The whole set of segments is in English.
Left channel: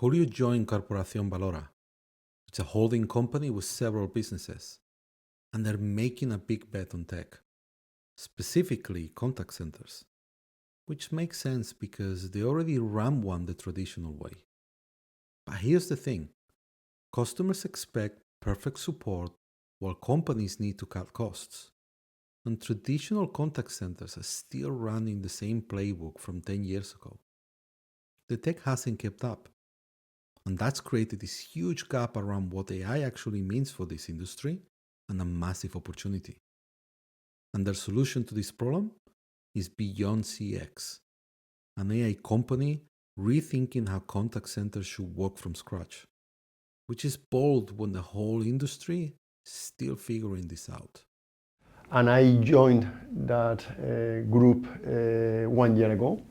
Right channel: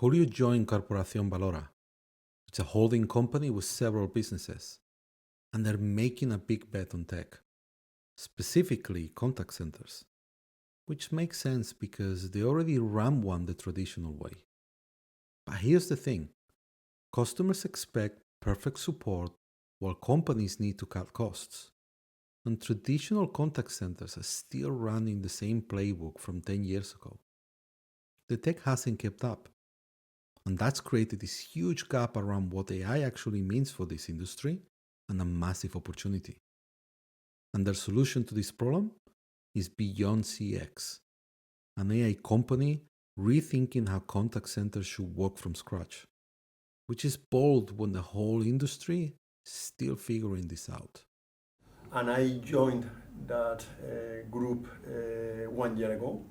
Julio joined Corporación Valora. It's a holding company with several businesses, and they're making a big bet on tech, specifically contact centers, which makes sense because they already run one the traditional way. But here's the thing. Customers expect perfect support while companies need to cut costs. And traditional contact centers are still running the same playbook from 10 years ago. The tech hasn't kept up. And that's created this huge gap around what AI actually means for this industry and a massive opportunity. And their solution to this problem is Beyond CX, an AI company rethinking how contact centers should work from scratch, which is bold when the whole industry is still figuring this out. And I joined that group 1 year ago,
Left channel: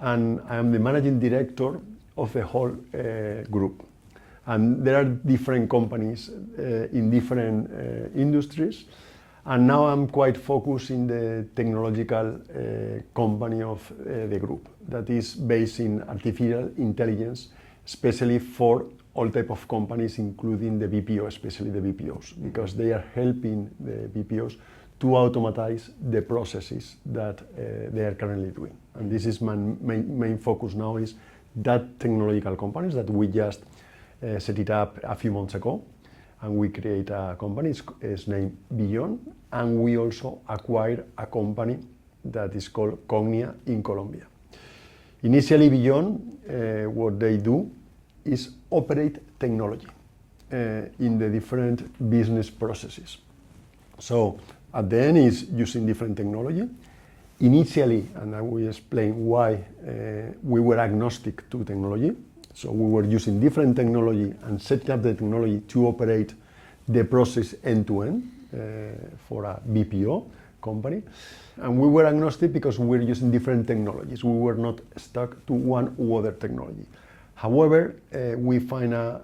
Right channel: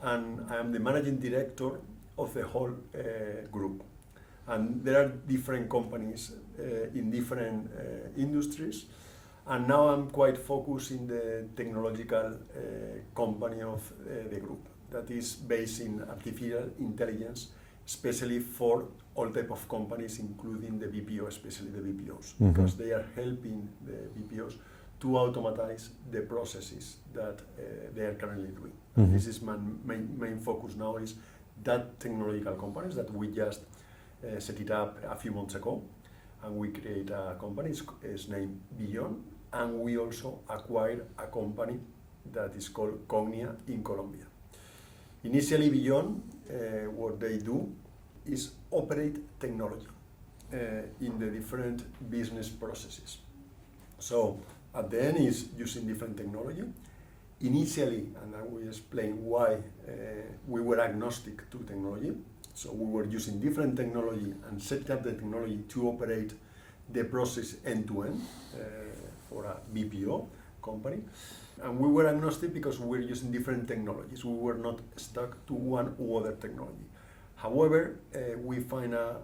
and I am the managing director of the whole group. And there are different companies in different industries, and now I'm quite focused in the technological company of the group that is based in artificial intelligence, especially for all type of companies, including the BPO, especially the BPOs, because they are helping the BPOs to automatize the processes that they are currently doing. And this is my main focus now, is that technological companies that we just set it up a few months ago, and we create a company, it's named Beyond, and we also acquired a company that is called Cognia in Colombia. Initially, Beyond, what they do is operate technology in the different business processes. So at the end is using different technology. Initially, and I will explain why, we were agnostic to technology. So we were using different technology and setting up the technology to operate the process end-to-end for a BPO company. And we were agnostic because we were using different technologies. We were not stuck to one or other technology. However, we find an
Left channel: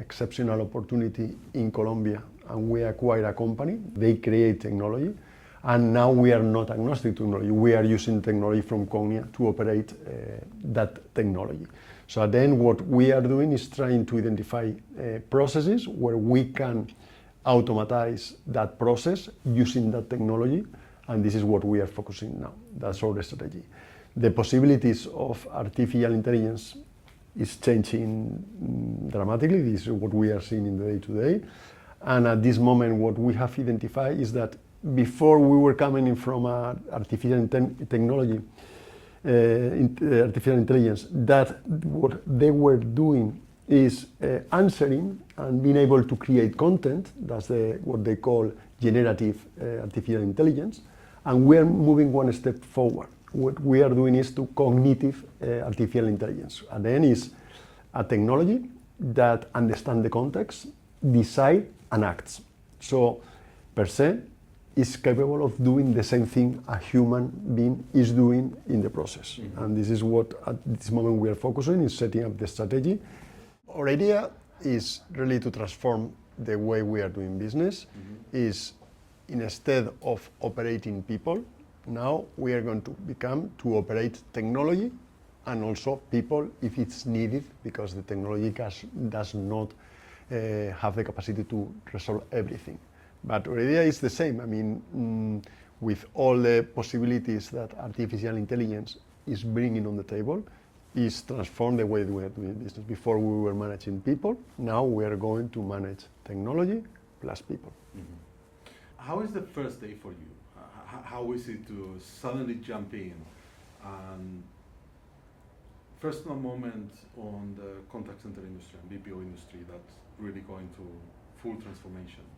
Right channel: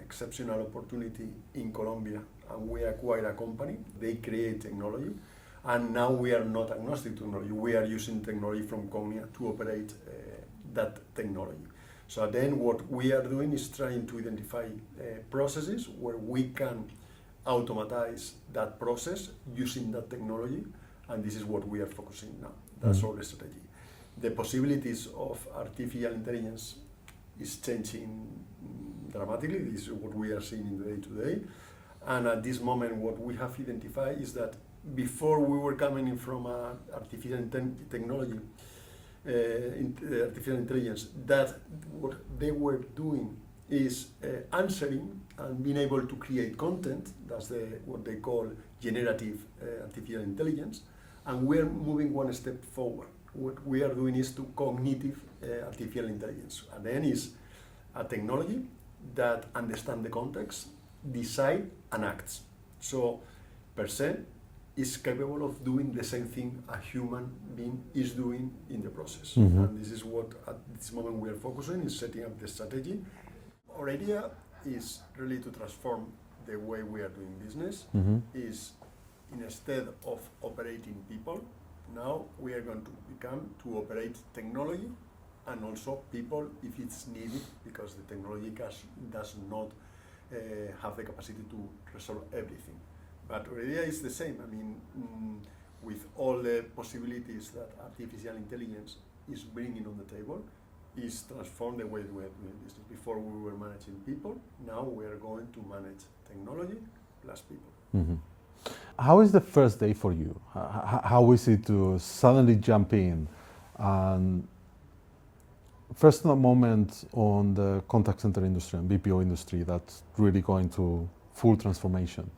exceptional opportunity in Colombia, and we acquire a company. They create technology, and now we are not agnostic to technology. We are using technology from Cognia to operate that technology. So at the end, what we are doing is trying to identify processes where we can automatize that process using that technology, and this is what we are focusing now. That's our strategy. The possibilities of artificial intelligence is changing dramatically. This is what we are seeing in the day-to-day. And at this moment, what we have identified is that before we were coming in from artificial technology, artificial intelligence, that what they were doing is answering and being able to create content. That's what they call generative artificial intelligence. And we are moving one step forward. What we are doing is to cognitive artificial intelligence. And then is a technology that understands the context, decide and acts. So per se is capable of doing the same thing a human being is doing in the process. And this is what at this moment we are focusing, is setting up the strategy. Our idea is really to transform the way we are doing business. Is instead of operating people, now we are going to become to operate technology and also people if it's needed, because the technology does not have the capacity to resolve everything. But our idea is the same. I mean, with all the possibilities that artificial intelligence is bringing on the table, is transform the way we are doing business. Before we were managing people, now we are going to manage technology plus people. How is the first day for you? How is it to suddenly jump in? And first moment on the contact center industry and BPO industry that's really going to full transformation.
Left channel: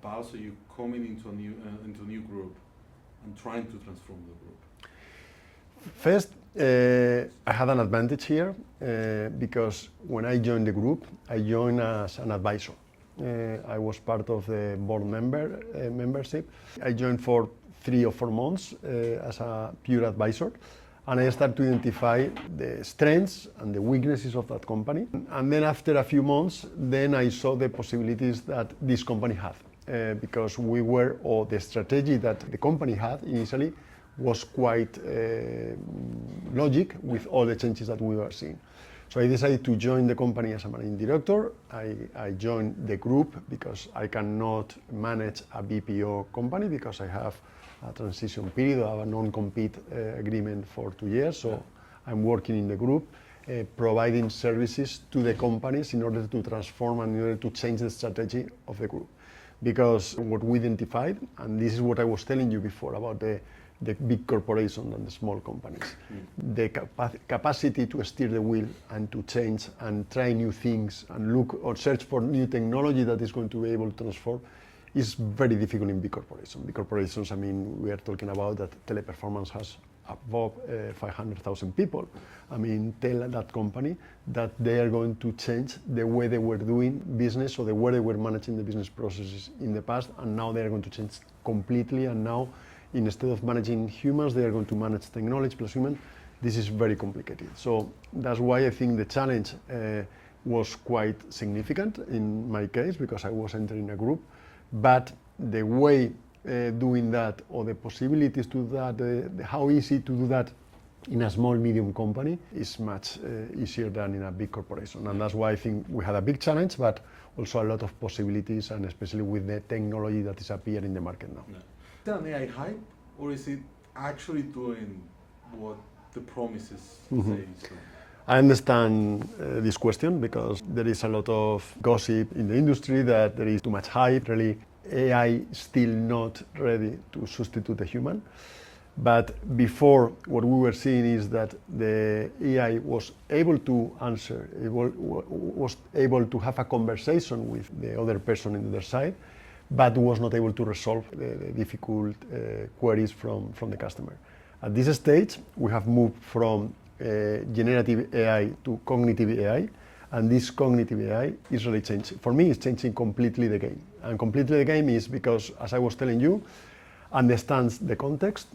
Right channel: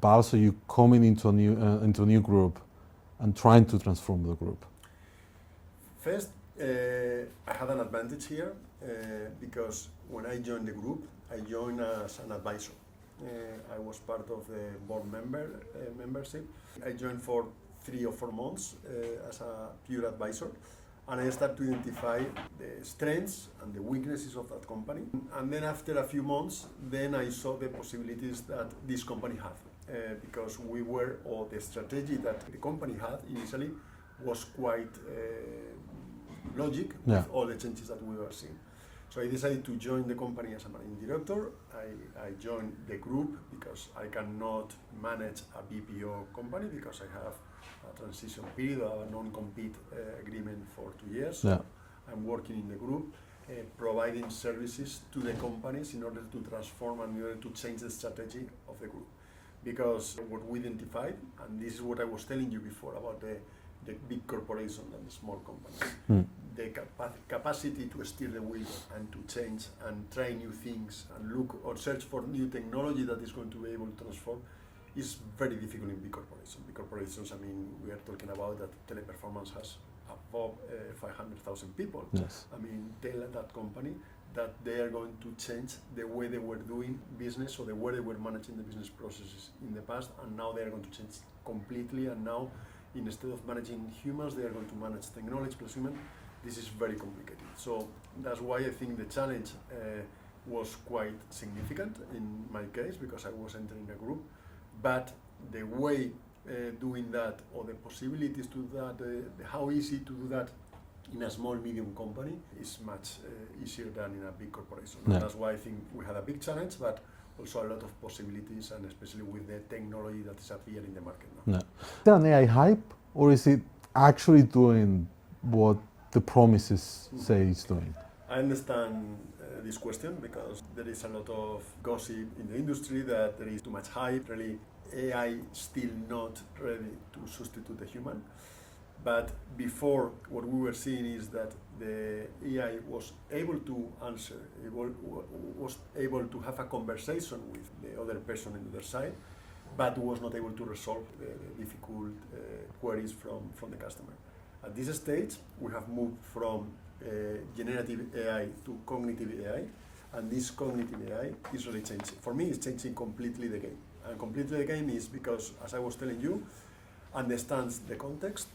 But also you coming into a new group and trying to transform the group. First, I had an advantage here because when I joined the group, I joined as an advisor. I was part of the board membership. I joined for 3 or 4 months as a pure advisor, and I started to identify the strengths and the weaknesses of that company. And then after a few months, then I saw the possibilities that this company had, because the strategy that the company had initially was quite logic with all the changes that we were seeing. So I decided to join the company as a managing director. I joined the group because I cannot manage a BPO company because I have a transition period. I have a non-compete agreement for 2 years. So I'm working in the group, providing services to the companies in order to transform and in order to change the strategy of the group. Because what we identified, and this is what I was telling you before about the big corporations and the small companies, the capacity to steer the wheel and to change and try new things and look or search for new technology that is going to be able to transform is very difficult in big corporations. Big corporations, I mean, we are talking about that Teleperformance has above 500,000 people. Yes. I mean, tell that company that they are going to change the way they were doing business or the way they were managing the business processes in the past, and now they are going to change completely, and now instead of managing humans, they are going to manage technology plus human. This is very complicated. So that's why I think the challenge was quite significant in my case, because I was entering a group, but the way doing that, or the possibilities to do that, how easy to do that in a small, medium company is much easier than in a big corporation. And that's why I think we had a big challenge, but also a lot of possibilities, and especially with the technology that is appearing in the market now. Is that an AI hype, or is it actually doing what the promises say it's doing? I understand this question because there is a lot of gossip in the industry that there is too much hype. Really, AI is still not ready to substitute the human. But before, what we were seeing is that the AI was able to answer, it was able to have a conversation with the other person on the other side, but was not able to resolve the difficult queries from the customer. At this stage, we have moved from generative AI to cognitive AI, and this cognitive AI is really changing. For me, it's changing completely the game. And completely the game is because, as I was telling you, understands the context,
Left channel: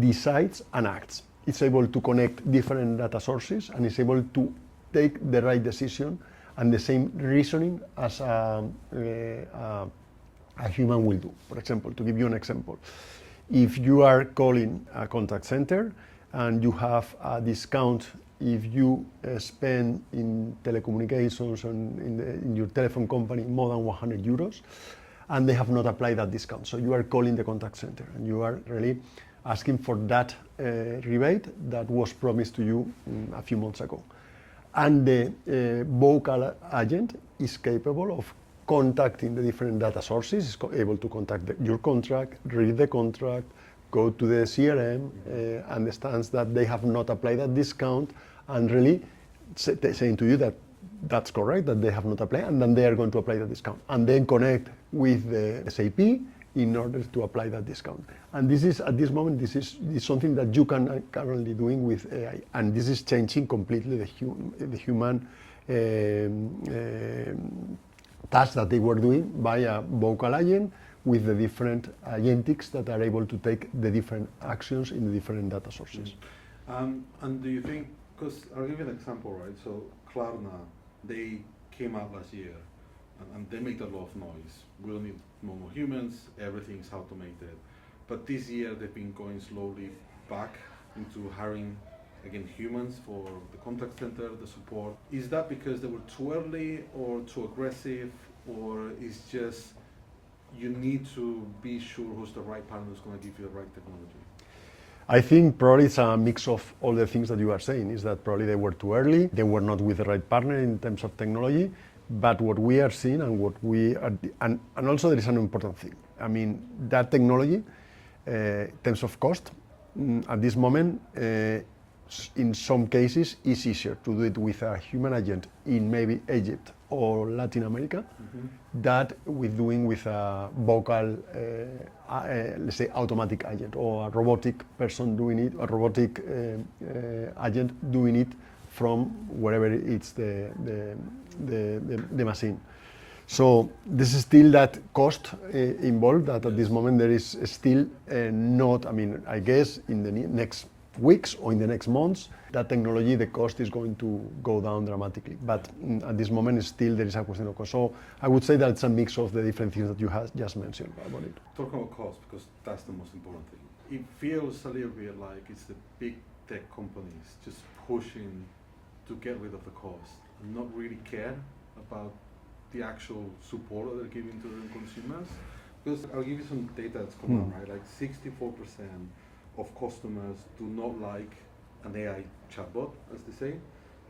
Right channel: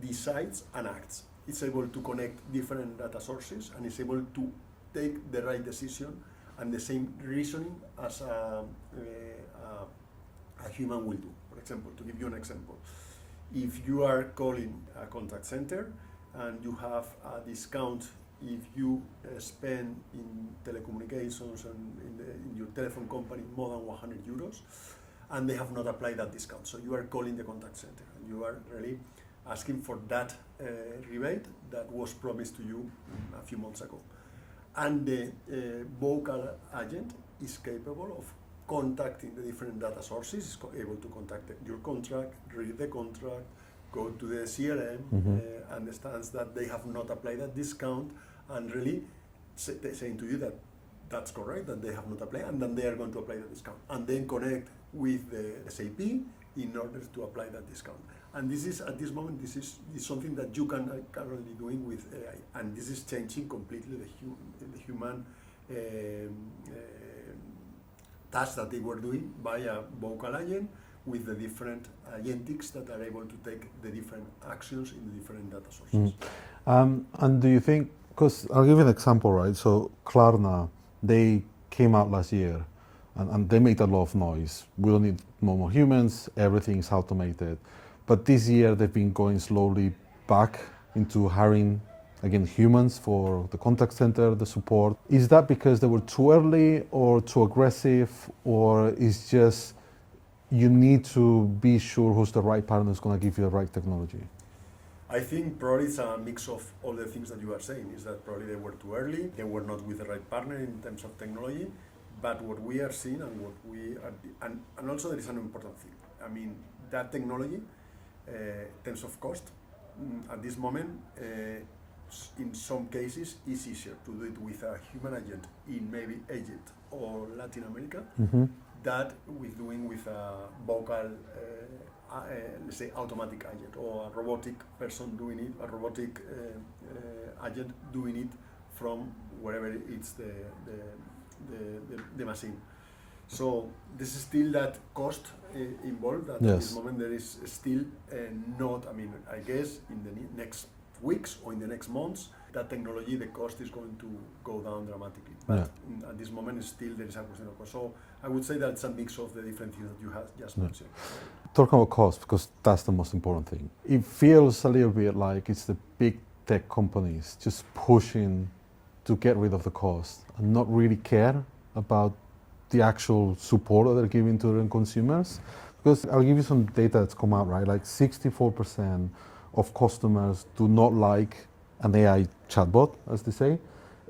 decides and acts. It's able to connect different data sources and is able to take the right decision and the same reasoning as a human will do. For example, to give you an example, if you are calling a contact center and you have a discount if you spend in telecommunications and in your telephone company more than 100 euros, and they have not applied that discount. So you are calling the contact center and you are really asking for that rebate that was promised to you a few months ago. And the vocal agent is capable of contacting the different data sources, is able to contact your contract, read the contract, go to the CRM, understands that they have not applied that discount, and really saying to you that that's correct, that they have not applied, and then they are going to apply the discount, and then connect with the SAP in order to apply that discount. And this is, at this moment, this is something that you can currently doing with AI, and this is changing completely the human tasks that they were doing by a vocal agent with the different agentics that are able to take the different actions in the different data sources. And do you think, because I'll give you an example, right? So Klarna, they came out last year and they made a lot of noise. We don't need no more humans, everything is automated. But this year they've been going slowly back into hiring, again, humans for the contact center, the support. Is that because they were too early or too aggressive, or is just you need to be sure who's the right partner who's going to give you the right technology? I think probably it's a mix of all the things that you are saying, is that probably they were too early, they were not with the right partner in terms of technology, but what we are seeing and what we are, and also there is an important thing. I mean, that technology, in terms of cost, at this moment, in some cases, is easier to do it with a human agent in maybe Egypt or Latin America, that with doing with a vocal, let's say, automatic agent or a robotic person doing it, a robotic agent doing it from wherever it's the machine. So this is still that cost involved that at this moment there is still not, I mean, I guess in the next weeks or in the next months, that technology, the cost is going to go down dramatically. But at this moment, still there is a question of cost. So I would say that it's a mix of the different things that you have just mentioned. Talking about cost, because that's the most important thing. It feels a little bit like it's the big tech companies just pushing to get rid of the cost and not really care about the actual support that they're giving to their consumers. Because I'll give you some data that's come out, right? Like 64% of customers do not like an AI chatbot, as they say,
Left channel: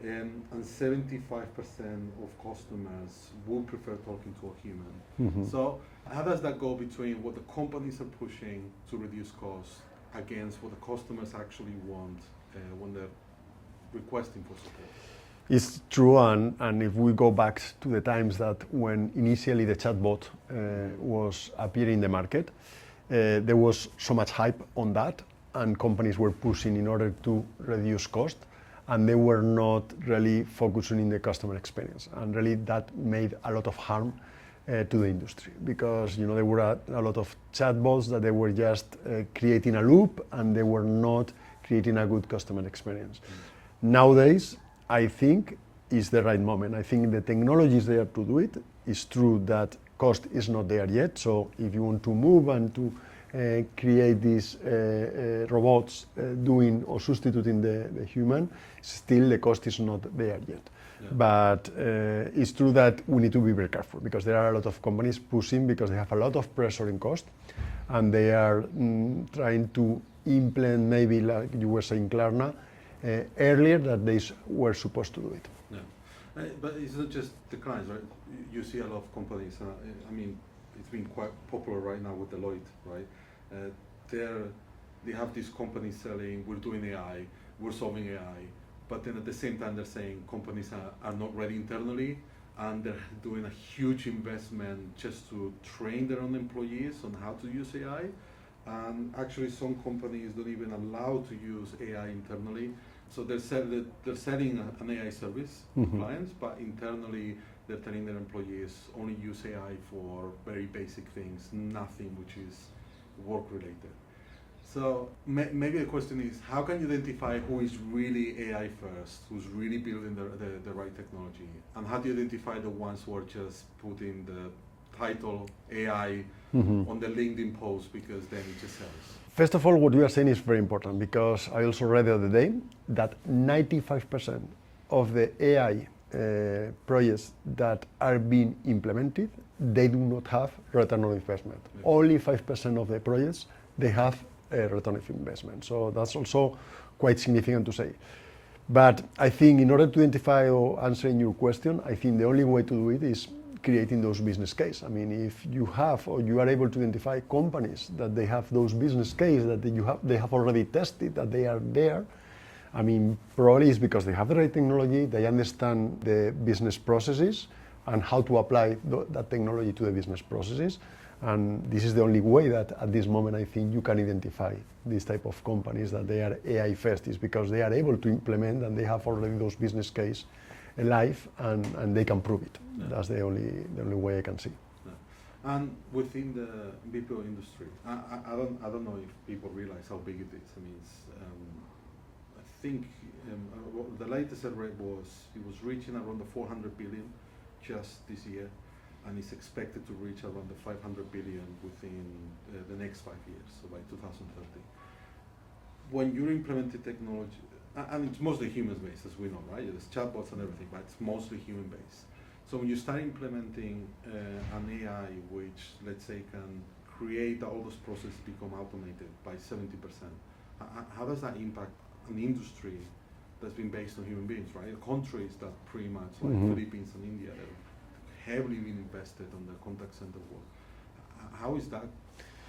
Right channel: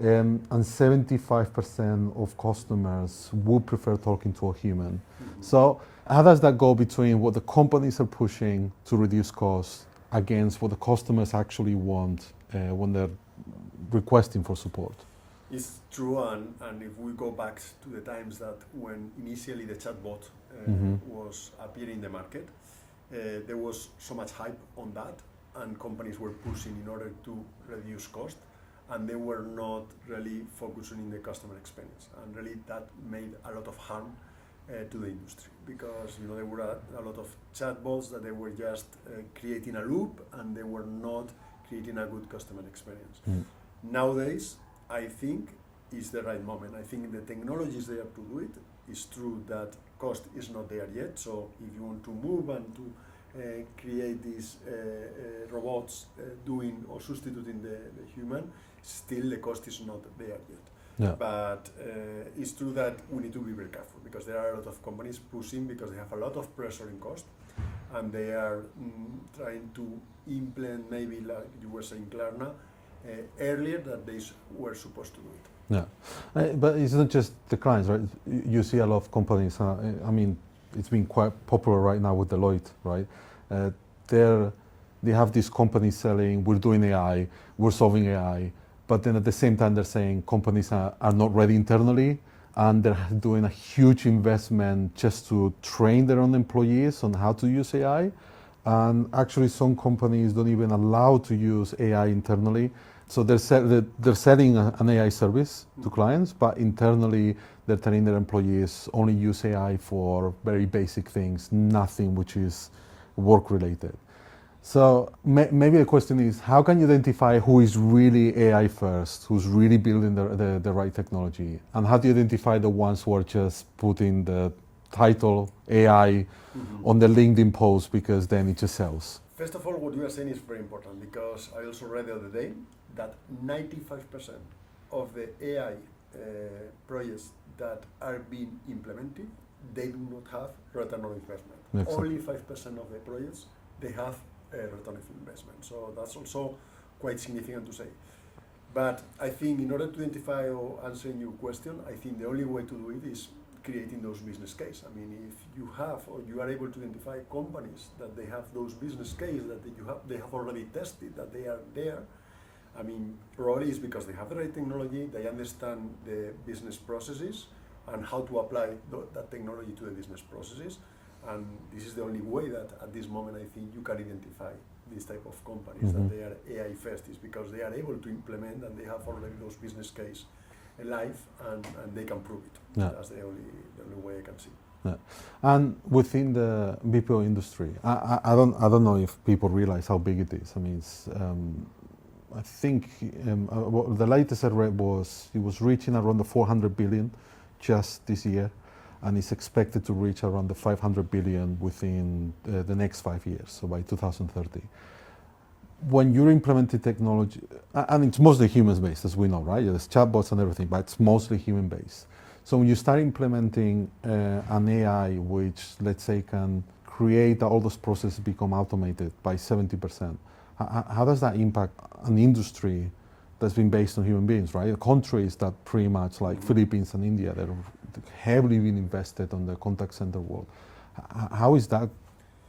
and 75% of customers would prefer talking to a human. So how does that go between what the companies are pushing to reduce costs against what the customers actually want when they're requesting for support? It's true, and if we go back to the times that when initially the chatbot was appearing in the market, there was so much hype on that, and companies were pushing in order to reduce cost, and they were not really focusing on the customer experience, and really that made a lot of harm to the industry, because there were a lot of chatbots that they were just creating a loop, and they were not creating a good customer experience. Nowadays, I think is the right moment. I think the technology is there to do it. It's true that cost is not there yet. So if you want to move and to create these robots doing or substituting the human, still the cost is not there yet. Yeah. But it's true that we need to be very careful, because there are a lot of companies pushing because they have a lot of pressure in cost, and they are trying to implement, maybe like you were saying, Klarna, earlier that they were supposed to do it. Yeah, but it's not just the clients, right? You see a lot of companies. I mean, it's been quite popular right now with Deloitte, right? They have these companies selling, we're doing AI, we're solving AI, but then at the same time they're saying companies are not ready internally, and they're doing a huge investment just to train their own employees on how to use AI. And actually some companies don't even allow to use AI internally. So they're selling an AI service to clients, but internally they're telling their employees only use AI for very basic things, nothing which is work related. So maybe the question is, how can you identify who is really AI first, who's really building the right technology? And how do you identify the ones who are just putting the title AI on the LinkedIn post because then it just sells? First of all, what you are saying is very important, because I also read the other day that 95% of the AI projects that are being implemented, they do not have return on investment. Only 5% of the projects, they have a return of investment. So that's also quite significant to say. But I think in order to identify or answering your question, I think the only way to do it is creating those business case. I mean, if you have, or you are able to identify companies that they have those business case that they have already tested, that they are there, I mean, probably it's because they have the right technology, they understand the business processes and how to apply that technology to the business processes. And this is the only way that at this moment I think you can identify these type of companies that they are AI first, is because they are able to implement and they have already those business case alive, and they can prove it. Yeah. That's the only way I can see. Yeah. And within the BPO industry, I don't know if people realize how big it is. I mean, it's, I think the latest I read was it was reaching around the 400 billion just this year, and it's expected to reach around the 500 billion within the next 5 years, so by 2030. When you're implementing technology, and it's mostly human-based, as we know, right? There's chatbots and everything, but it's mostly human-based. So when you start implementing an AI which, let's say, can create all those processes become automated by 70%, how does that impact an industry that's been based on human beings, right? Countries that pretty much like Philippines and India, that are heavily been invested on the contact center world. How is that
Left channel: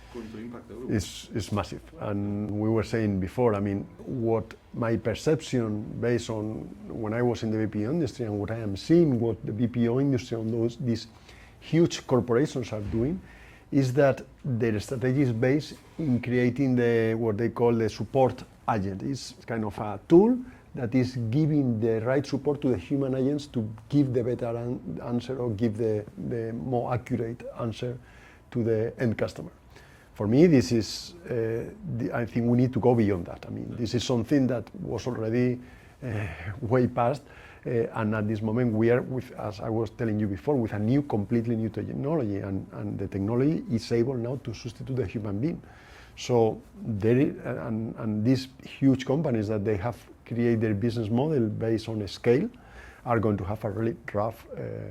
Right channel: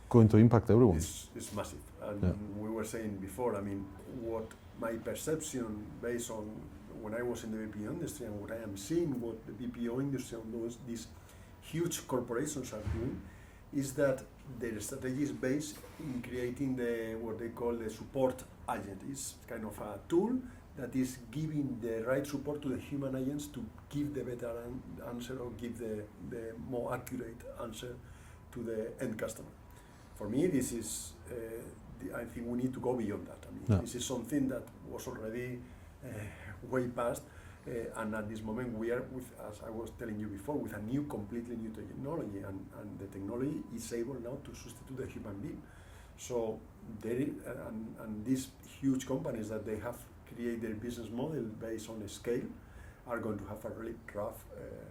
going to impact everyone? It's massive. And we were saying before, I mean, what my perception based on when I was in the BPO industry and what I am seeing, what the BPO industry on these huge corporations are doing, is that their strategy is based in creating what they call the support agent. It's kind of a tool that is giving the right support to the human agents to give the better answer or give the more accurate answer to the end customer. For me, this is, I think we need to go beyond that. I mean, this is something that was already way past, and at this moment we are, as I was telling you before, with a completely new technology, and the technology is able now to substitute the human being. So, and these huge companies that they have create their business model based on a scale are going to have a really rough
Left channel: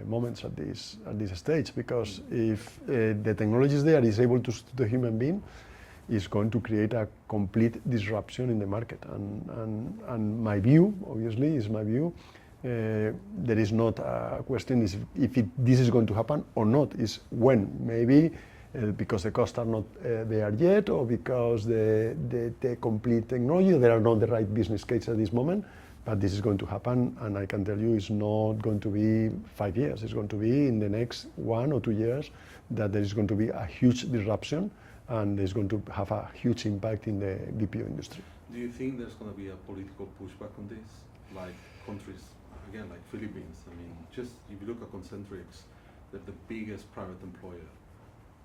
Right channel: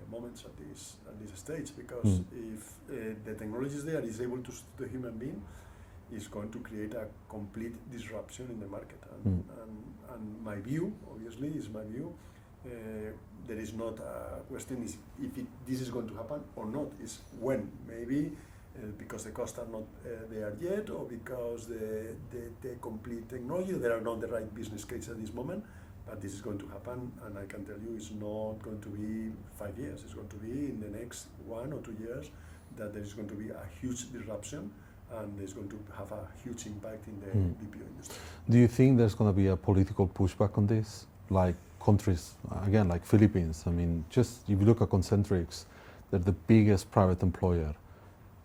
moments at this stage, because if the technology is there, is able to substitute the human being, is going to create a complete disruption in the market. And my view, obviously, is my view. There is not a question is if this is going to happen or not, is when. Maybe because the costs are not there yet, or because the complete technology, there are not the right business case at this moment. But this is going to happen, and I can tell you it's not going to be 5 years. It's going to be in the next 1 or 2 years that there is going to be a huge disruption, and it's going to have a huge impact in the BPO industry. Do you think there's going to be a political pushback on this? Like countries, again, like Philippines, I mean, just if you look at Concentrix, they're the biggest private employer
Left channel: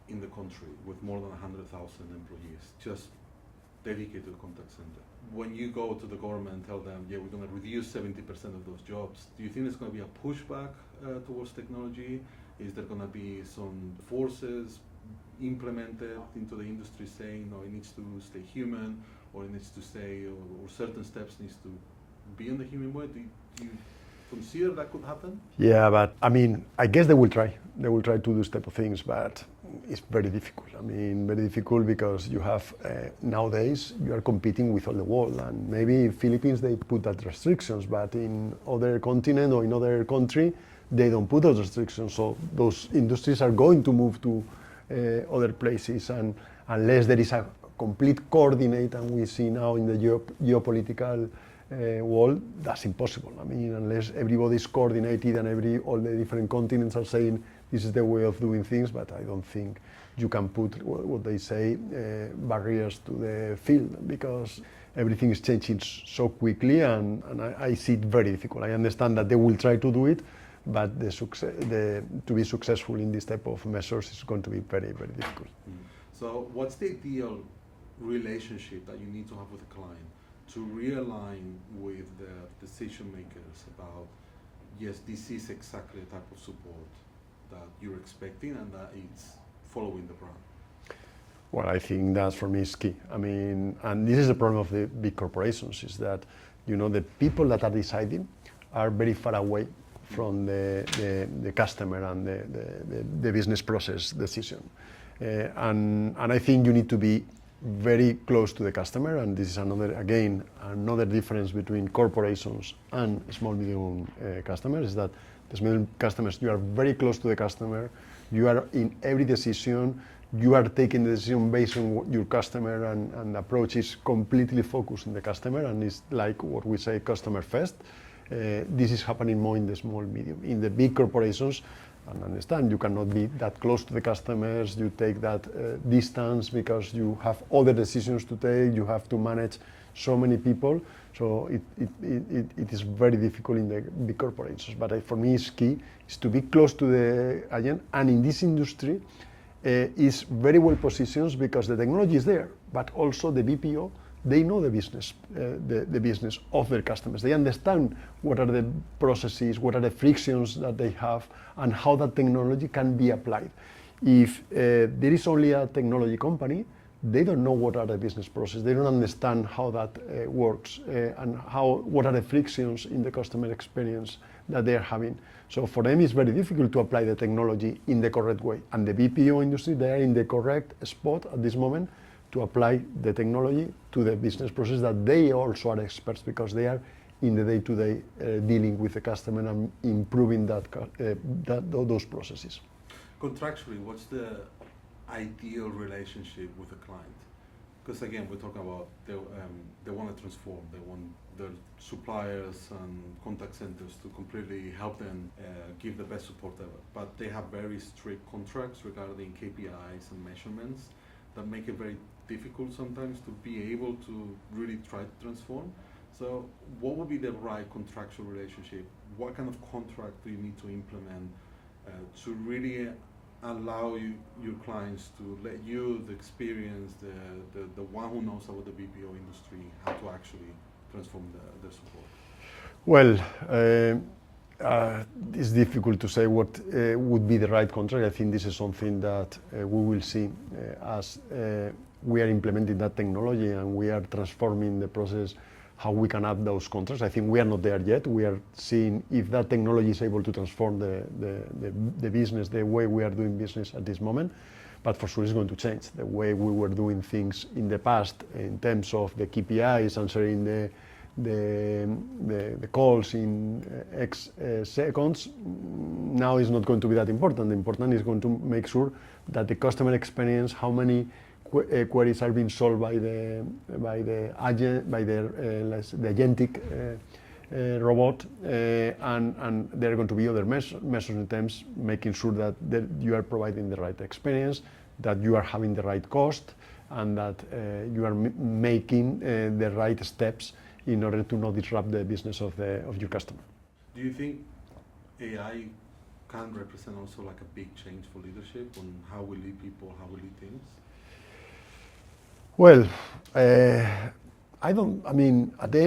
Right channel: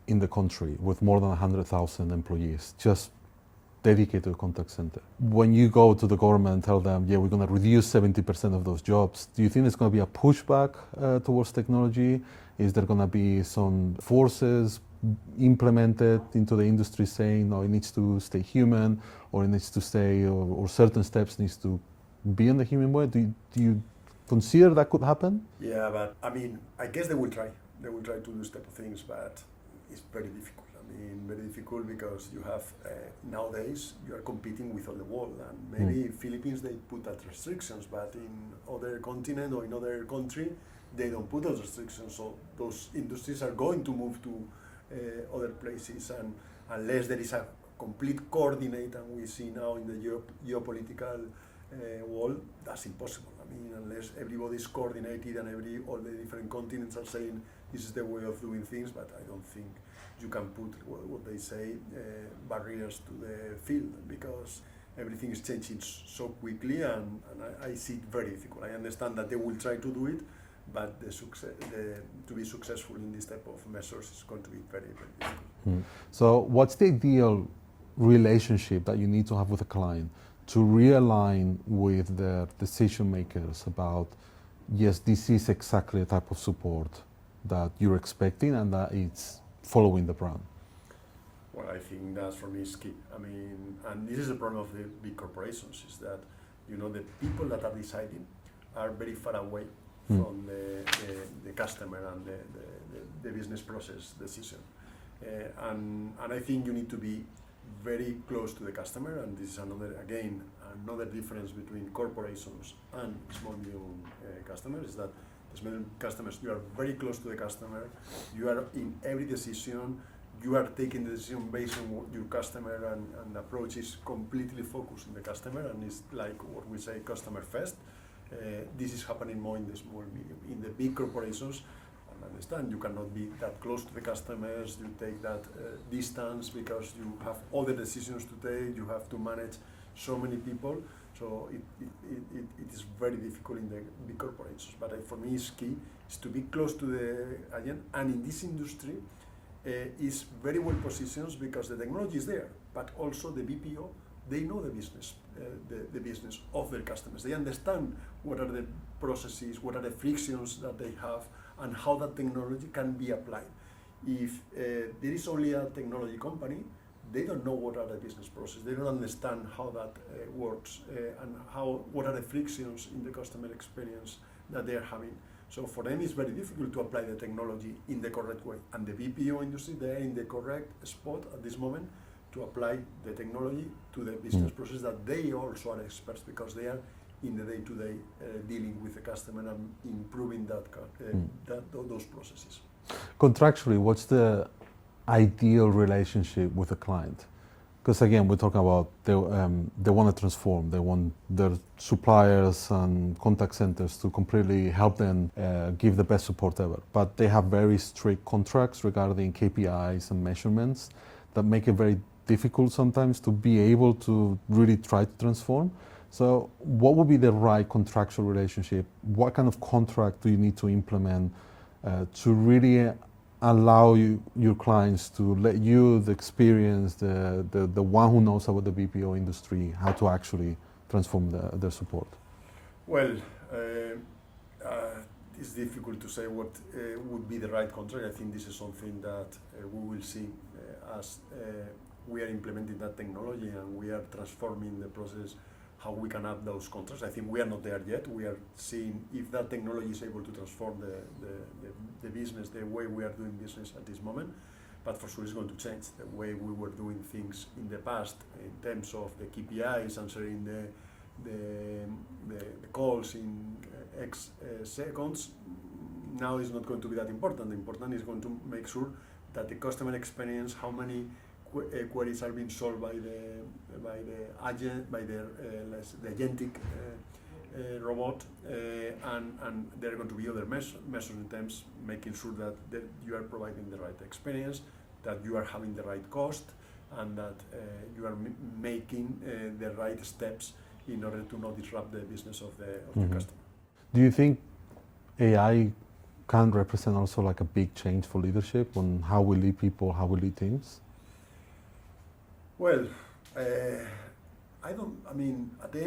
in the country with more than 100,000 employees, just dedicated to a contact center. When you go to the government and tell them, yeah, we're going to reduce 70% of those jobs, do you think there's going to be a pushback towards technology? Is there going to be some forces implemented into the industry saying, no, it needs to stay human, or it needs to stay, or certain steps needs to be in the human way? Do you consider that could happen? Yeah, but I mean, I guess they will try. They will try to do this type of things, but it's very difficult. I mean, very difficult because you have, nowadays, you are competing with all the world, and maybe in Philippines they put that restrictions, but in other continent or in other country, they don't put those restrictions. So those industries are going to move to other places, and unless there is a complete coordinate, and we see now in the geopolitical world, that's impossible. I mean, unless everybody is coordinated and all the different continents are saying this is the way of doing things, but I don't think you can put what they say barriers to the field, because everything is changing so quickly, and I see it very difficult. I understand that they will try to do it, but to be successful in this type of measures is going to be very, very difficult. So what's the ideal relationship that you need to have with a client to realign with the decision makers about, yes, this is exactly the type of support that you're expecting and that it's following the brand? Well, I think that for me is key. I mean, and this is the problem of the big corporations, is that, you know, the people that are deciding are very far away from the customer and the business process decision. And I think you need to be very close to the customer, and this is another difference between corporations and small medium customers, is that the small customers, you are very close to the customer, you are in every decision, you are taking the decision based on your customer, and the approach is completely focused on the customer, and it's like what we say, customer first. This is happening more in the small medium. In the big corporations, and understand, you cannot be that close to the customers, you take that distance because you have other decisions to take, you have to manage so many people, so it is very difficult in the big corporations. But for me, it's key is to be close to the agent, and in this industry is very well positioned because the technology is there, but also the BPO, they know the business of their customers. They understand what are the processes, what are the frictions that they have, and how that technology can be applied. If there is only a technology company, they don't know what are the business processes. They don't understand how that works and what are the frictions in the customer experience that they are having. So for them, it's very difficult to apply the technology in the correct way. And the BPO industry, they are in the correct spot at this moment to apply the technology to the business process that they also are experts, because they are in the day-to-day dealing with the customer and improving those processes. Contractually, what's the ideal relationship with a client? Because again, we're talking about they want to transform. They want their suppliers and contact centers to completely help them give the best support ever. But they have very strict contracts regarding KPIs and measurements that make it very difficult sometimes to be able to really try to transform. So what would be the right contractual relationship? What kind of contract do you need to implement to really allow your clients to let you, the experience, the one who knows about the BPO industry, how to actually transform their support? Well, it's difficult to say what would be the right contract. I think this is something that we will see as we are implementing that technology and we are transforming the process, how we can add those contracts. I think we are not there yet. We are seeing if that technology is able to transform the business, the way we are doing business at this moment. But for sure it's going to change. The way we were doing things in the past in terms of the KPIs, answering the calls in X seconds, now is not going to be that important. The important is going to make sure that the customer experience, how many queries are being solved by the agentic robot, and there are going to be other measures in terms making sure that you are providing the right experience, that you are having the right cost, and that you are making the right steps in order to not disrupt the business of your customer. Do you think AI can represent also like a big change for leadership on how we lead people, how we lead teams? Well, at the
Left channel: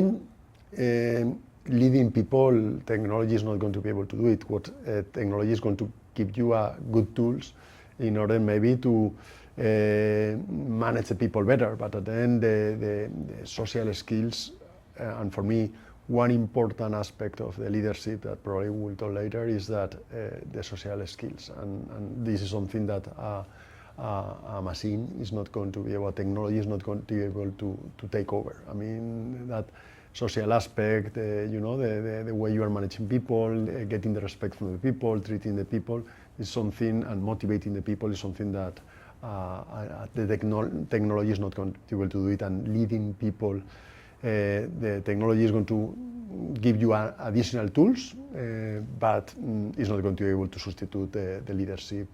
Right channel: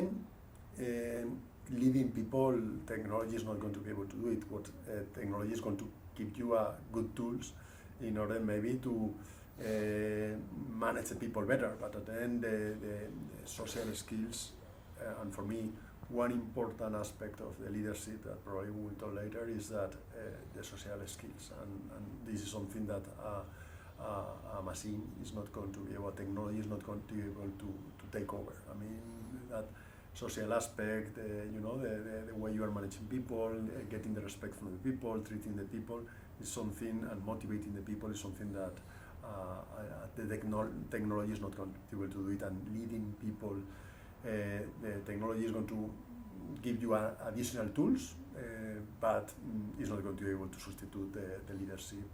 end, leading people, technology is not going to be able to do it. What technology is going to give you good tools in order maybe to manage the people better. But at the end, the social skills, and for me, one important aspect of the leadership that probably we'll talk later is that the social skills. And this is something that a machine is not going to be able, technology is not going to be able to take over. I mean, that social aspect, the way you are managing people, getting the respect from the people, treating the people is something, and motivating the people is something that the technology is not going to be able to do it, and leading people, the technology is going to give you additional tools, but it's not going to be able to substitute the leadership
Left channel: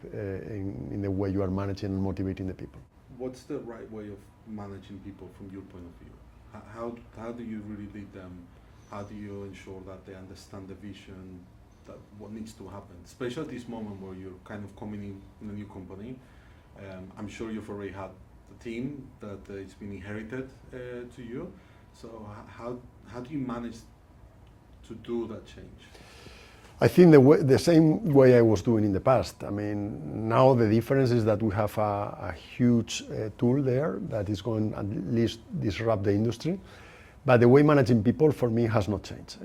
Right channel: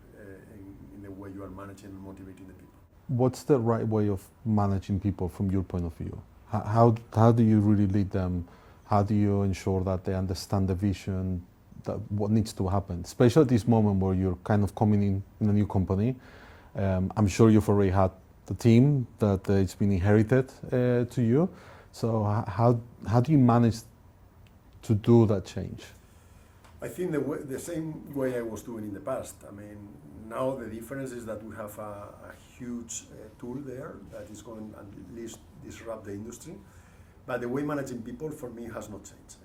in the way you are managing and motivating the people. What's the right way of managing people from your point of view? How do you really lead them? How do you ensure that they understand the vision, that what needs to happen? Especially at this moment where you're kind of coming in a new company. I'm sure you've already had the team that it's been inherited to you. So how do you manage to do that change? I think the same way I was doing in the past. I mean, now the difference is that we have a huge tool there that is going at least disrupt the industry. But the way managing people for me has not changed.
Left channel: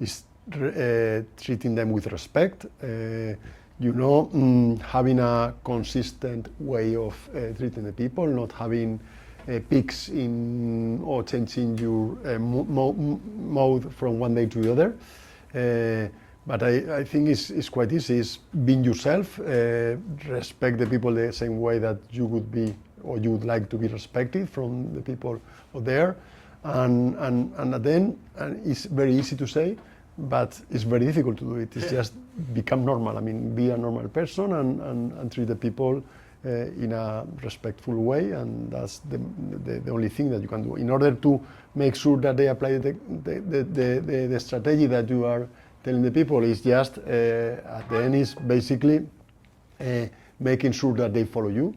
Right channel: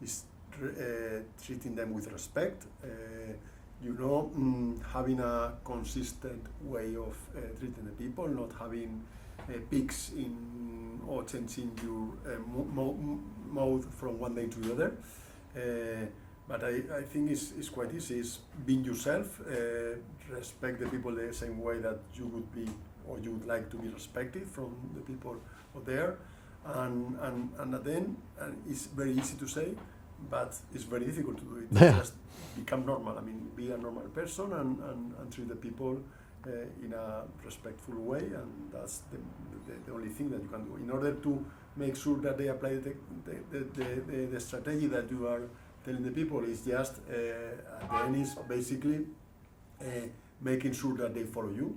It's treating them with respect, having a consistent way of treating the people, not having peaks in or changing your mode from one day to the other. But I think it's quite easy. It's being yourself, respect the people the same way that you would be or you would like to be respected from the people there. And then it's very easy to say, but it's very difficult to do it. It's just become normal. I mean, be a normal person and treat the people in a respectful way, and that's the only thing that you can do in order to make sure that they apply the strategy that you are telling the people. Is just at the end is basically making sure that they follow you,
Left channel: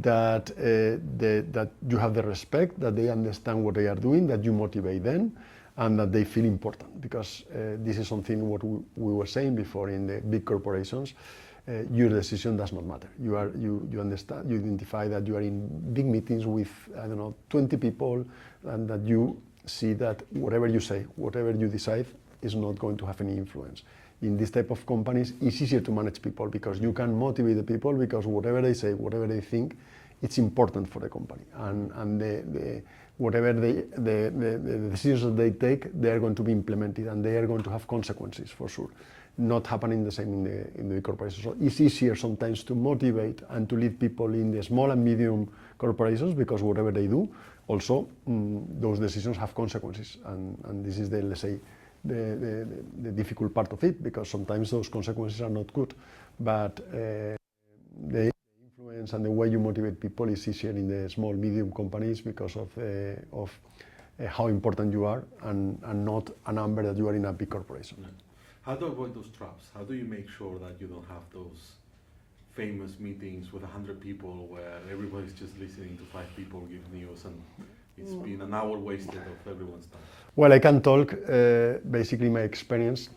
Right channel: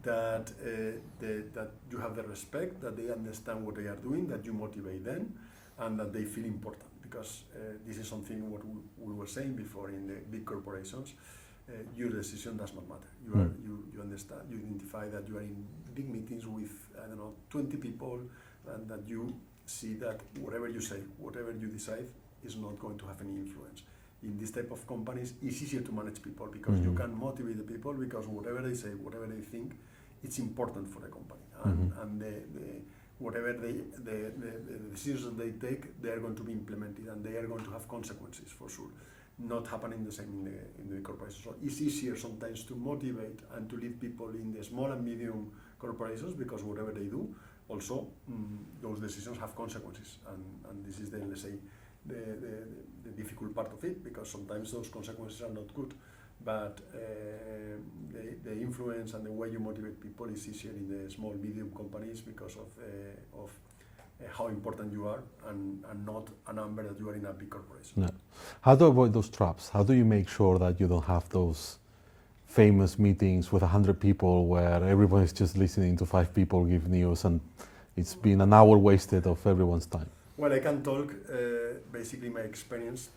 that you have the respect, that they understand what they are doing, that you motivate them, and that they feel important. Because this is something what we were saying before in the big corporations. Your decision does not matter. You understand, you identify that you are in big meetings with 20 people, and that you see that whatever you say, whatever you decide is not going to have any influence. In this type of companies, it's easier to manage people because you can motivate the people, because whatever they say, whatever they think, it's important for the company. And whatever the decisions that they take, they are going to be implemented, and they are going to have consequences for sure. Not happening the same in the corporations. So it's easier sometimes to motivate and to lead people in the small and medium corporations, because whatever they do, also those decisions have consequences, and this is the, let's say, the difficult part of it, because sometimes those consequences are not good, but the influence and the way you motivate people is easier in the small medium companies because of how important you are, and not a number that you are in a big corporation. No. How to avoid those traps? How do you make sure that you don't have those famous meetings with 100 people where everyone is just listening to 5 people give news, and it's been an hour wasted of everyone's time? Well, I can talk basically my experience,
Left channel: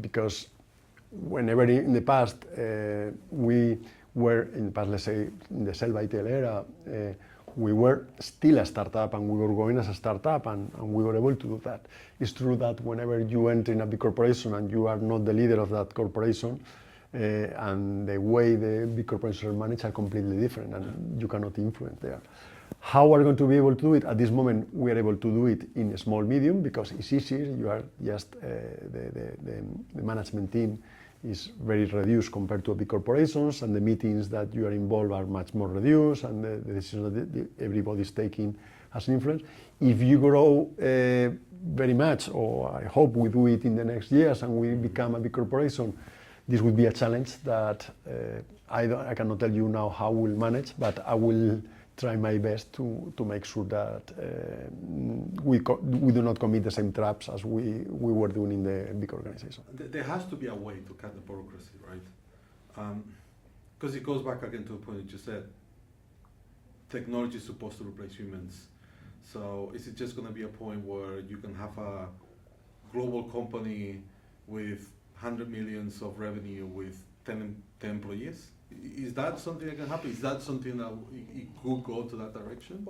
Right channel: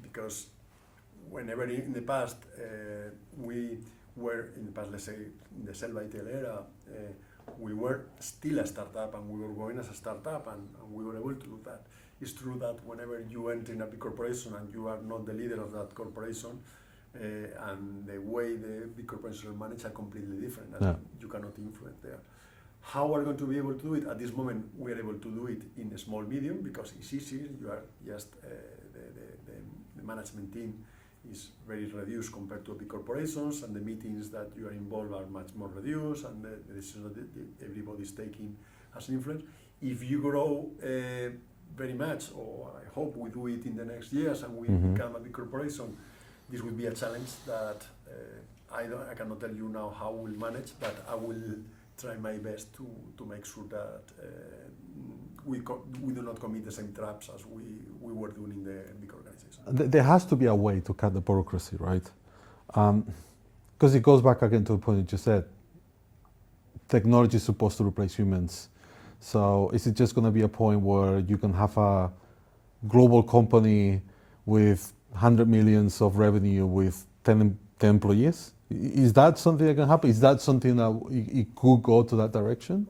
because whenever in the past we were, in the past, let's say in the sell by tell era, we were still a startup and we were going as a startup and we were able to do that. It's true that whenever you enter in a big corporation and you are not the leader of that corporation, and the way the big corporations are managed are completely different, and you cannot influence there. How are we going to be able to do it? At this moment, we are able to do it in a small medium because it's easier. You are just the management team is very reduced compared to big corporations, and the meetings that you are involved are much more reduced, and the decisions that everybody is taking has an influence. If you grow very much, or I hope we do it in the next years, and we become a big corporation, this would be a challenge that I cannot tell you now how we'll manage, but I will try my best to make sure that we do not commit the same traps as we were doing in the big organization. There has to be a way to cut the bureaucracy, right? Because it goes back again to the point you just said. Technology is supposed to replace humans. So is it just going to be a point where you can have a global company with 100 millions of revenue with 10 employees? Is that something that can happen? Is that something that it could go to that direction?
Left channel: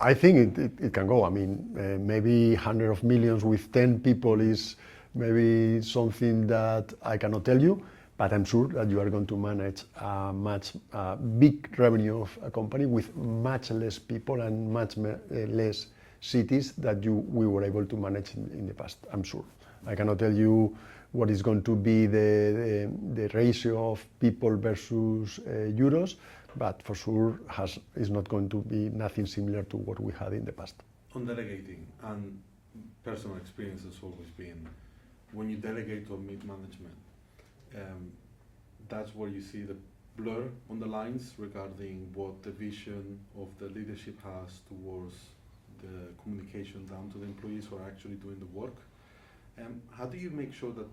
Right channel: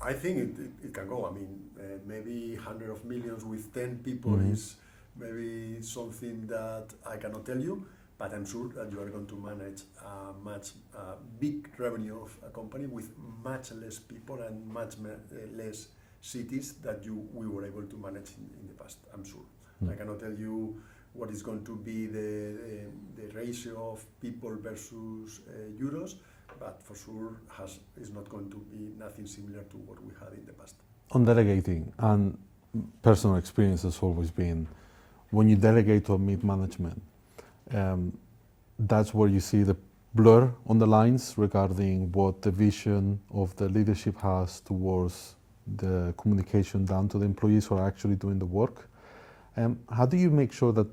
I think it can go. I mean, maybe 100 of millions with 10 people is maybe something that I cannot tell you, but I'm sure that you are going to manage a much big revenue of a company with much less people and much less cities that we were able to manage in the past, I'm sure. I cannot tell you what is going to be the ratio of people versus euros, but for sure is not going to be nothing similar to what we had in the past. On delegating, and personal experience has always been, when you delegate to a mid-management, that's where you see the blur on the lines regarding what the vision of the leadership has towards the communication down to the employees who are actually doing the work. How do you make sure that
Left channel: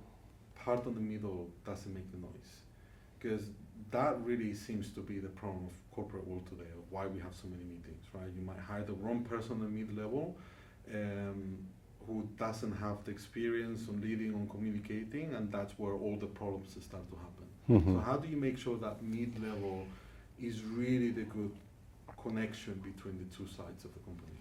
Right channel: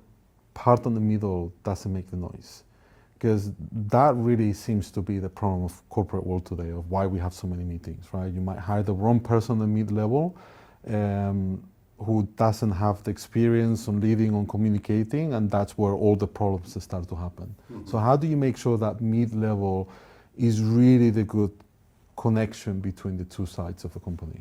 part on the middle doesn't make the noise? Because that really seems to be the problem of corporate world today, of why we have so many meetings, right? You might hire the wrong person on the mid-level who doesn't have the experience on leading, on communicating, and that's where all the problems start to happen. So how do you make sure that mid-level is really the good connection between the two sides of a company?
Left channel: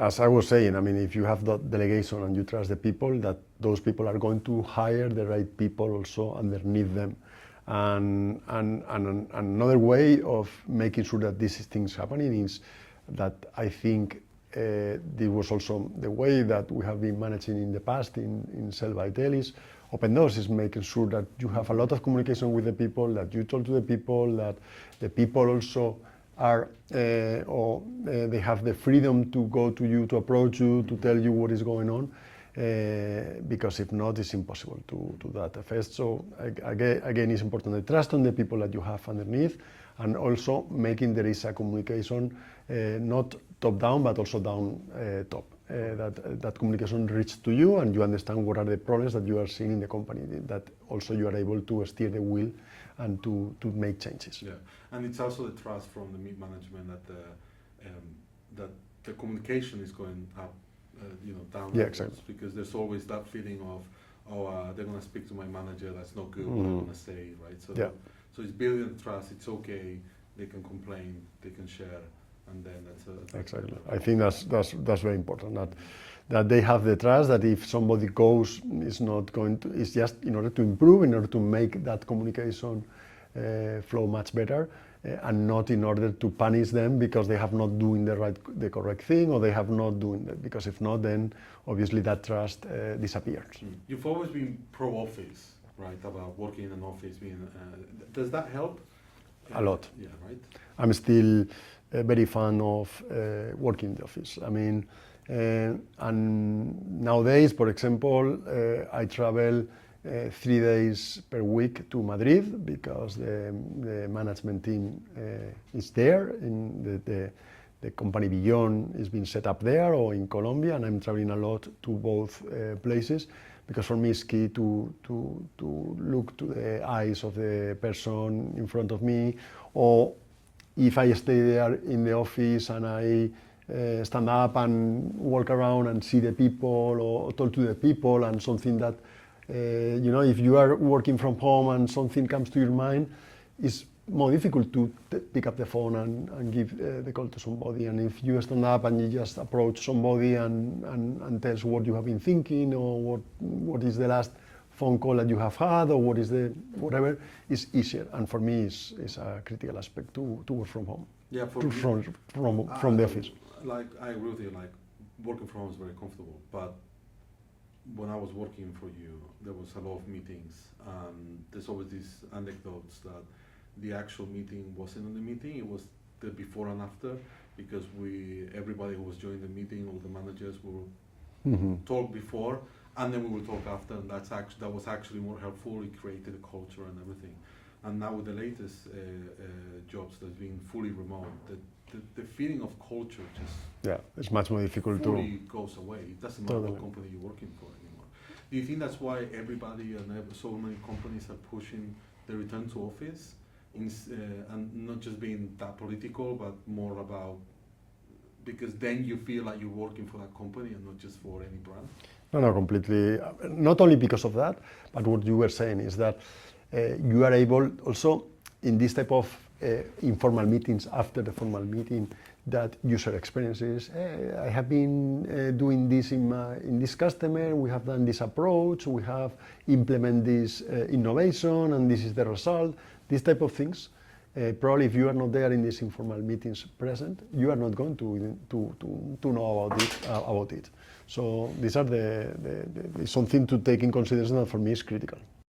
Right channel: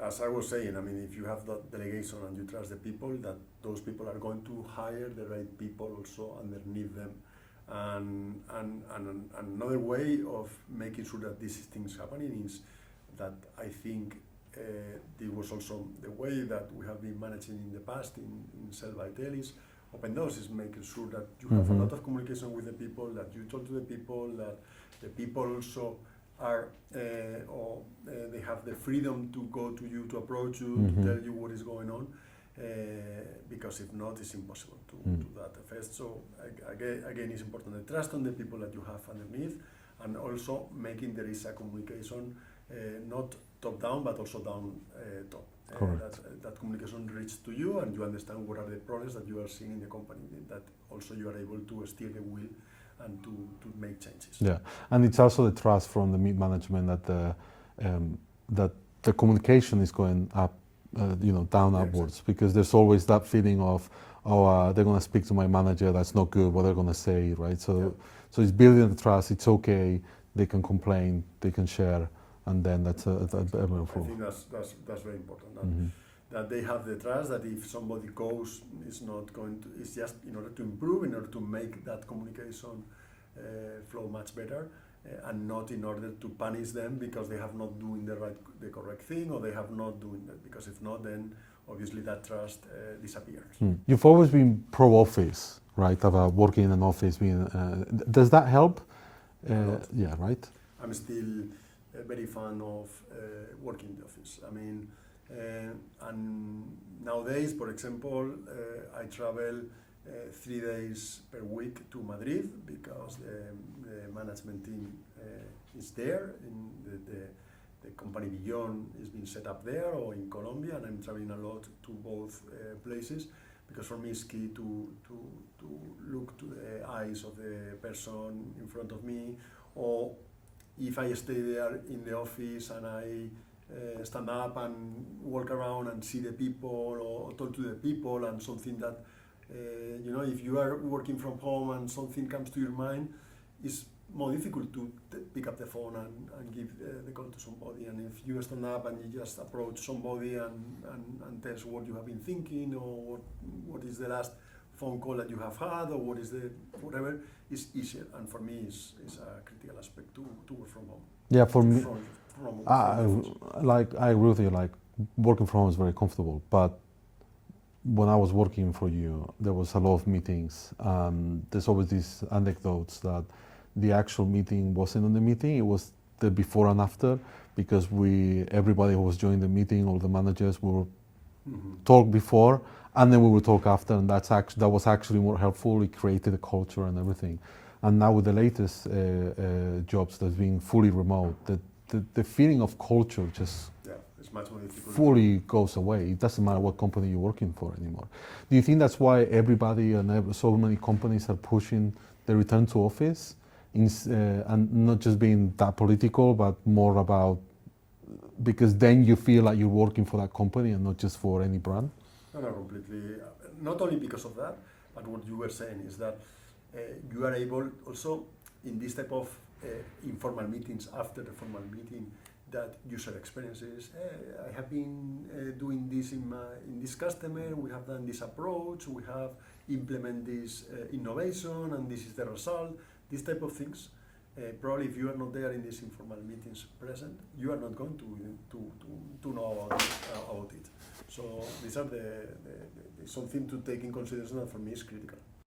As I was saying, I mean, if you have that delegation and you trust the people, that those people are going to hire the right people also underneath them. And another way of making sure that these things happening is that I think this was also the way that we have been managing in the past in Cell Vitel is open doors, is making sure that you have a lot of communication with the people, that you talk to the people, that the people also are they have the freedom to go to you, to approach you, to tell you what is going on, because if not, it's impossible to do that effect. So again, it's important the trust on the people that you have underneath, and also making there is a communication not top down but also down top. That communication reaches to you and you understand what are the problems that you are seeing in the company, that also you are able to steer the wheel and to make changes. Yeah, and it's also the trust from the mid-management that the communication is going up, down upwards, exactly. Because there's always that feeling of, they're going to speak to my manager, that's not good, what they're going to say, right? So it's building the trust, it's okay, they can complain, they can share, and then that's exactly. I think that's very important, that they have the trust that if somebody goes, it's just in order to improve, in order to make that communication flow much better, and not in order to punish them because they have not doing the correct thing, or they have not doing that, because if not, then obviously that trust disappears. You've always been pro-office, right, about working in an office. Does that help? A lot. Yeah, right? I'm still a very fan of working in the office. I mean, and nowadays, for example, I travel 3 days per week to Madrid because the management team is there, and the company Beyond is being set up there or in Colombia, and I'm traveling a lot to both places because for me it's key to look to the eyes of the person in front of me, or if I stay there in the office and I stand up and walk around and see the people or talk to the people, and something that if you are working from home and something comes to your mind, is more difficult to pick up the phone and give the call to somebody. And if you stand up and you just approach somebody and tell us what you have been thinking, or what is the last phone call that you have had, or what is the whatever, is easier. And for me, it's a critical aspect to work from home. Yeah, for me, from the office. Like, I agree with you. Like, working from home is very comfortable, but when I was working for you, there was a lot of meetings. There's always these anecdotes that the actual meeting wasn't on the meeting; it was the before and after, because everybody who was joining the meeting, all the managers, will talk before, and then we would talk after, and that was actually more helpful. It created a culture and everything. And now with the latest jobs that's being fully remote, the feeling of culture just it's much more difficult. Fully goes away. It doesn't matter what company you're working for anymore. Do you think that's why everybody and so many companies are pushing the return to office, and not just being that political, but more about, because then you feel like you're working for that company and not just for any brand? No, completely. Not only because of that, but what you were saying is that you are able also in this type of informal meetings after the formal meeting, that user experiences. I have been doing this in this customer. We have done this approach. We have implemented this innovation, and this is the result. These type of things. Probably, if you are not there in these informal meetings present, you are not going to know about it. So these are something to take in consideration that for me is critical.